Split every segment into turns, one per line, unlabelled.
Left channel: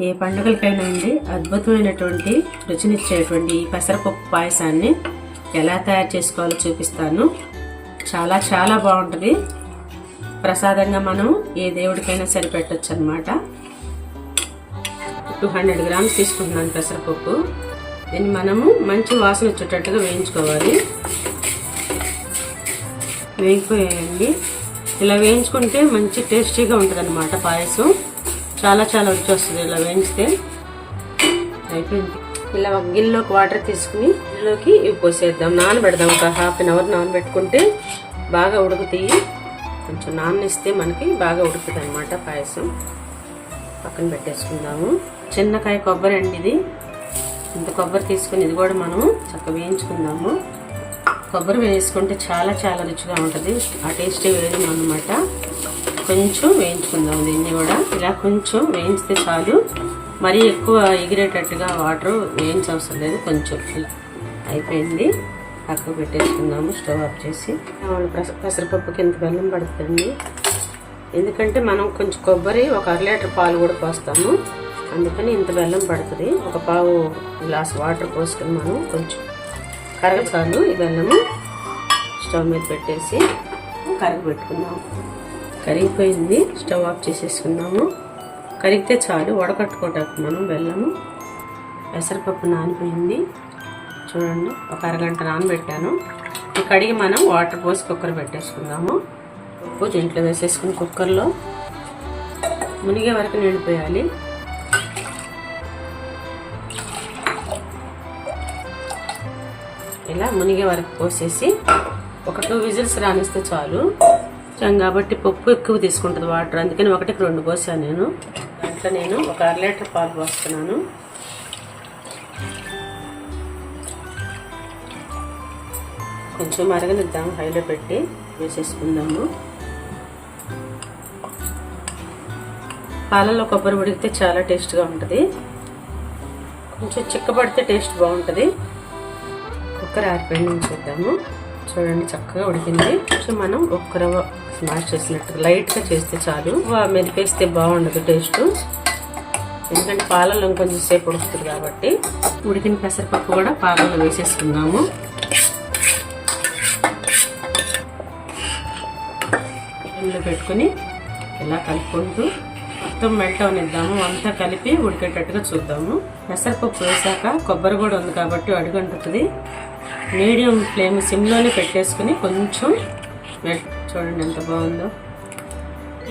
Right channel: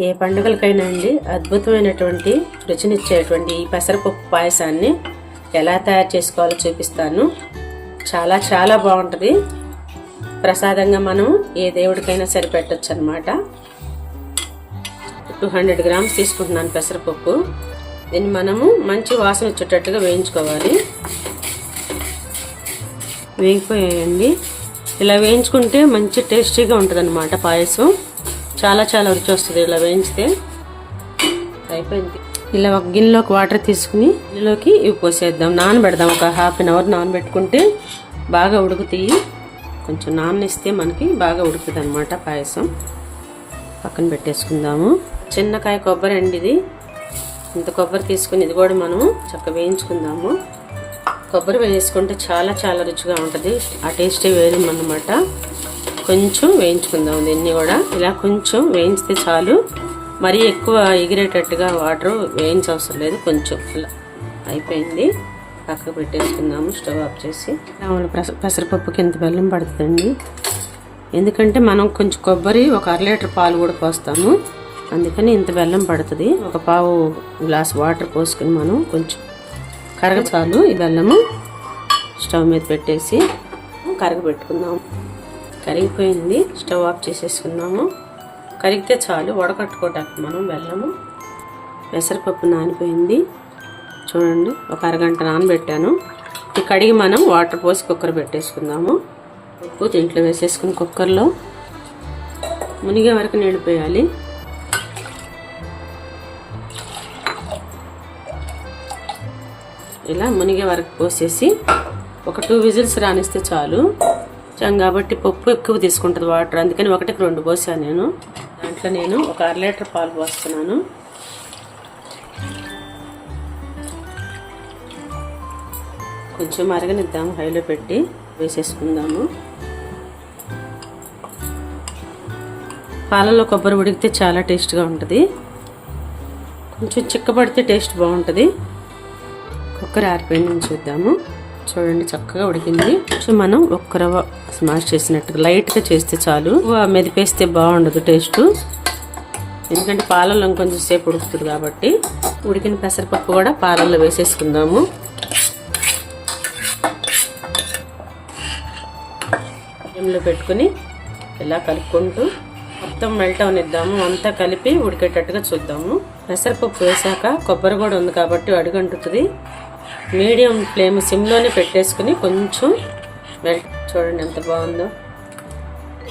ఏ పండుగలకైనా అండి అద్భుతమైనటువంటి రుచినిచ్చేటువంటి ఈ పెసరపప్పు పాయసాన్ని ఎలా తయారు చేసుకోవాలో చూపిస్తాను. చాలా చాలా బాగుంటుంది. ప్రసాదంగా మనం ఏ దేవుడికైనా సరిపెట్టచ్చు అనమాట టూ హండ్రెడ్ గ్రామ్స్ తీసుకుంటున్నాను పెసరపప్పు. దీన్ని మనము మంచి వాసన వచ్చేటట్టుగా వేయించుకోవాలి. వేగిపోయాయండి. ఇలా వేయించుకుంటే మంచి టేస్టీగా ఉంటుంది అనమాట పాయసం. చాలా చాలా రుచి వస్తుంది ఇలా వేయించితే. అయిపోయింది. ఇలా ఒక గిన్నెలోకి వాటర్ తీసుకుని గిన్నెలోకి ఇవి పోసేద్దాం. నానబెడదాం ఒక హాఫ్ అన్ అవర్ నానబెట్టుకుంటే బాగా ఉడుకుతాయి. కొంచెం నానేస్తే మనకి బాగా ఉడుకుతుంది అనమాట పాయసం. పక్కన పెట్టేసుకుందాము. చిన్నకాయ కొబ్బరి అండి ఇది. ఇంత కొబ్బరి తీసుకుని ఇది కూడా మనము చక్కగా వేయించుకుందాము. కొబ్బరి వేసుకుంటే చాలా చాలా రుచిగా ఉంటుంది. ఆ టేస్టే వేరు అనమాట కొంచెం వేయించుకుందాం దీన్ని కూడా. ఇలా కొంచెం వేయించితే చాలు. మరీ ఎక్కువ ఎగిరేటట్టుగా వాటర్ వేయించవసరం లేదు. కొంచెం ఇలా అయిపోయింది. పక్కకు పెట్టేసుకుందాము. స్టవ్ ఆఫ్ చేసి. పెస- పెసరపప్పుకి ఎంత బెల్లం పడుతుందండి. ఎందుకంటే మనం కొంచెం కొబ్బరి ఒక అర లీటర్ పాలు కూడా పోస్తాము. అందుకని ఇంత బెల్లం పడుతుంది. ఒక పావు గ్లాస్ వాటర్ పోసుకుని మనం కొంచెం కరగ చాలు ఈ బెల్లము. స్టవ్ మీద పెట్టేసి కరగ కరగబెట్టుకుందాం కరిగిపోయింది. స్టవ్ ఆఫ్ చేసేసుకుందాము. కరిగితే చాలు. వడకట్టుకోవటానికి మనం బెల్లము పెసరపప్పు నానిపోయింది. చూడండి ఒక అరగంట నానబెట్టాను. ఈ కడిగి మనం వాటర్ పోసి కుక్కర్ పెట్టేసుకుందాము. ఉప్పు దీంట్లో వేసేసుకుని కుక్కర్లో. మునిగే వరకు నీళ్ళు పోయాలి. ఇలా మునిగే వరకు పోసేసి ఒక టూ విజిల్స్ రానిస్తే చాలు. కాబట్టి పప్పు ఎక్కువ తీసుకుంటుంది వాటర్. అందుకని ఒకటికి రెండు పోసాను నేను. దాంట్లో నేను ఒక అర లీటర్ పాలు పోస్తున్నాను. కొంచెం మరగనిద్దాం హైలో పెట్టి వేసేసుకుందాము. పాలలో కొబ్బరి ఉడికితే చాలా టేస్ట్గా ఉంటుంది. కొంచెం చిక్కబడితే టేస్ట్ బాగుంటుంది. కుక్కర్ ఆరిపోయింది చూద్దాము. చూడండి చక్కగా ఉడికింది. సో మనం ఒక్క రవ్వ స్మాష్ చేసినట్టుగా లైట్గా చేస్తే చాలు. మెదిపేస్తే బాగుండదు టేస్ట్. ఎందుకంటే పాలలో కొంచెం సేపు ఉడుకుతుంది కాబట్టి. ఉడికిన పెసరపప్పు కూడా పాలల్లో వేసేసుకుందాము. ఫ్లేమ్లో పెట్టుకుని ఇలా కలుపుకుంటూ మొత్తం మెల్ట్ అవనిద్దాము. అంతా కలిపి ఉడికేటట్టుగా చూద్దాము. పెసరపప్పు వేసాక కొబ్బరి కూడా ఉంది కాబట్టి అడుగంటుతుంది. మీడియం ఫ్లేమ్ సిమ్లోనే పెట్టేసుకుని కొంచెం చూడండి ఎంత బాగుందో.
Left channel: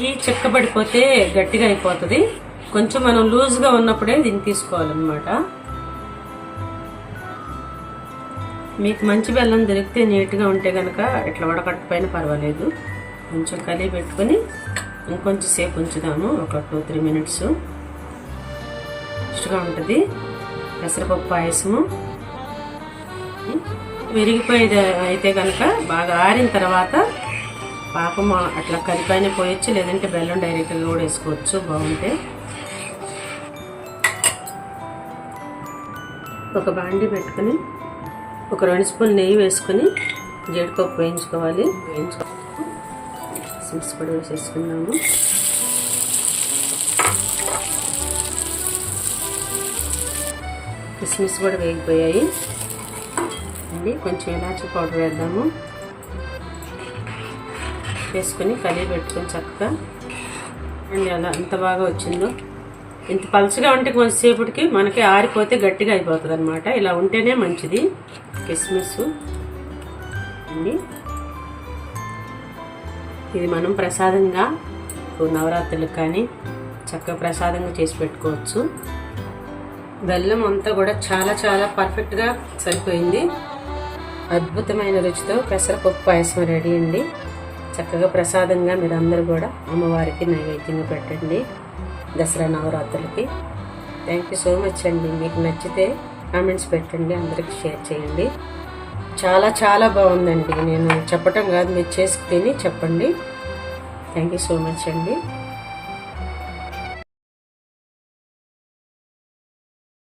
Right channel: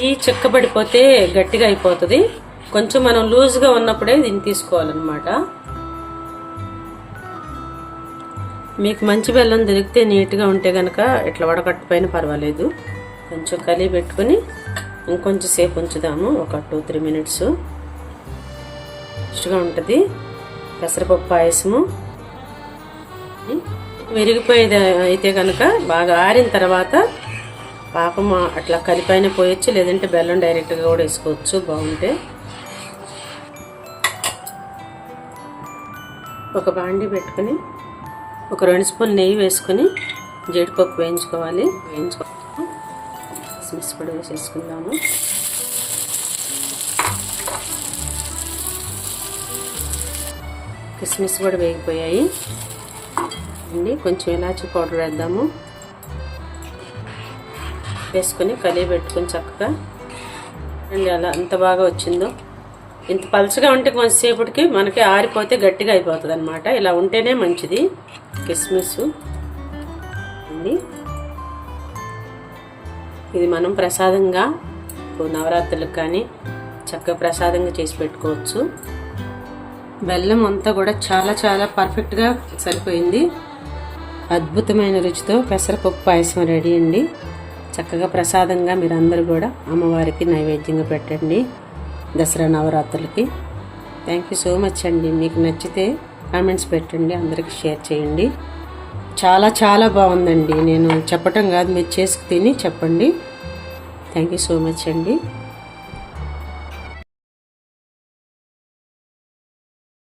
ఈ చిక్కబడిపోతే గట్టిగా అయిపోతుంది. కొంచెం మనం లూజ్గా ఉన్నప్పుడే దీన్ని తీసుకోవాలన్నమాట. మీకు మంచి బెల్లం దొరికితే నీట్గా ఉంటే కనుక ఇట్లా వడకట్టపైన పర్వాలేదు. కొంచెం కలిగి పెట్టుకొని ఇంకొంచెం సేపు ఉంచుదాము. ఒక టూ త్రీ మినిట్స్. ఇష్టగా ఉంటుంది. పెసరపప్పు పాయసము. విరిగిపోయేది అయితే కనుక బాగా ఆరిన తర్వాత పాపం అట్లా కలిపైన పోయొచ్చు లేదంటే బెల్లం డైరెక్ట్గా కూడా వేసుకోవచ్చు బాగుంటే. ఒక బాండి పెట్టుకొని ఒక రెండు స్పూన్ నెయ్యి వేసుకొని జీడిపప్పు వేయించుకోవాలి. వేయించుకోవాలి. కిస్మిస్ కూడా వేసేసుకుందాము. కిస్మిస్ కూడా వేగిపోయాయి. అండి కొంచెం ఇలాచి పౌడర్ వేద్దాము. వేసుకొని కలిగి పెట్టుకొని చక్కగా అండ్ అలా ఎంత బాగా వచ్చిందో. ఇంత పలుచగా ఉంటే కొంచెంసేపటికి మనకి ఆరిపోతే గట్టిగా అయిపోతుంది అనమాట ఇలా ఉంటేనే మంచిది. కిస్మిస్ అండి. ఇది మనం ప్రసాదంగా నవరాత్రులకు కానీ చక్కగా ప్రసాదంగా చేసి పెట్టుకోవచ్చు. బెల్లం అంతా కూడా చాలా చాలా పర్ఫెక్ట్గా సరిపోయింది. అద్భుతమైన రుచితో పెసరపప్పు పాయసం రెడీ అండి. చక్కగా ప్రసాదంగా మీరందరూ కూడా అమ్మవారికి నైవేద్యంగా పెట్టండి దసరా నవరాత్రులకి. థ్యాంక్ యూ సో మచ్ అండి. మీకు నచ్చితే కామెంట్స్ పెట్టండి అందరికి షేర్ చేయండి. చాలా చాలా బాగుందండి. నేను చెప్పటం కాదు మీరు చేసి తిని చెప్పండి. థ్యాంక్ యూ సో మచ్ అండి.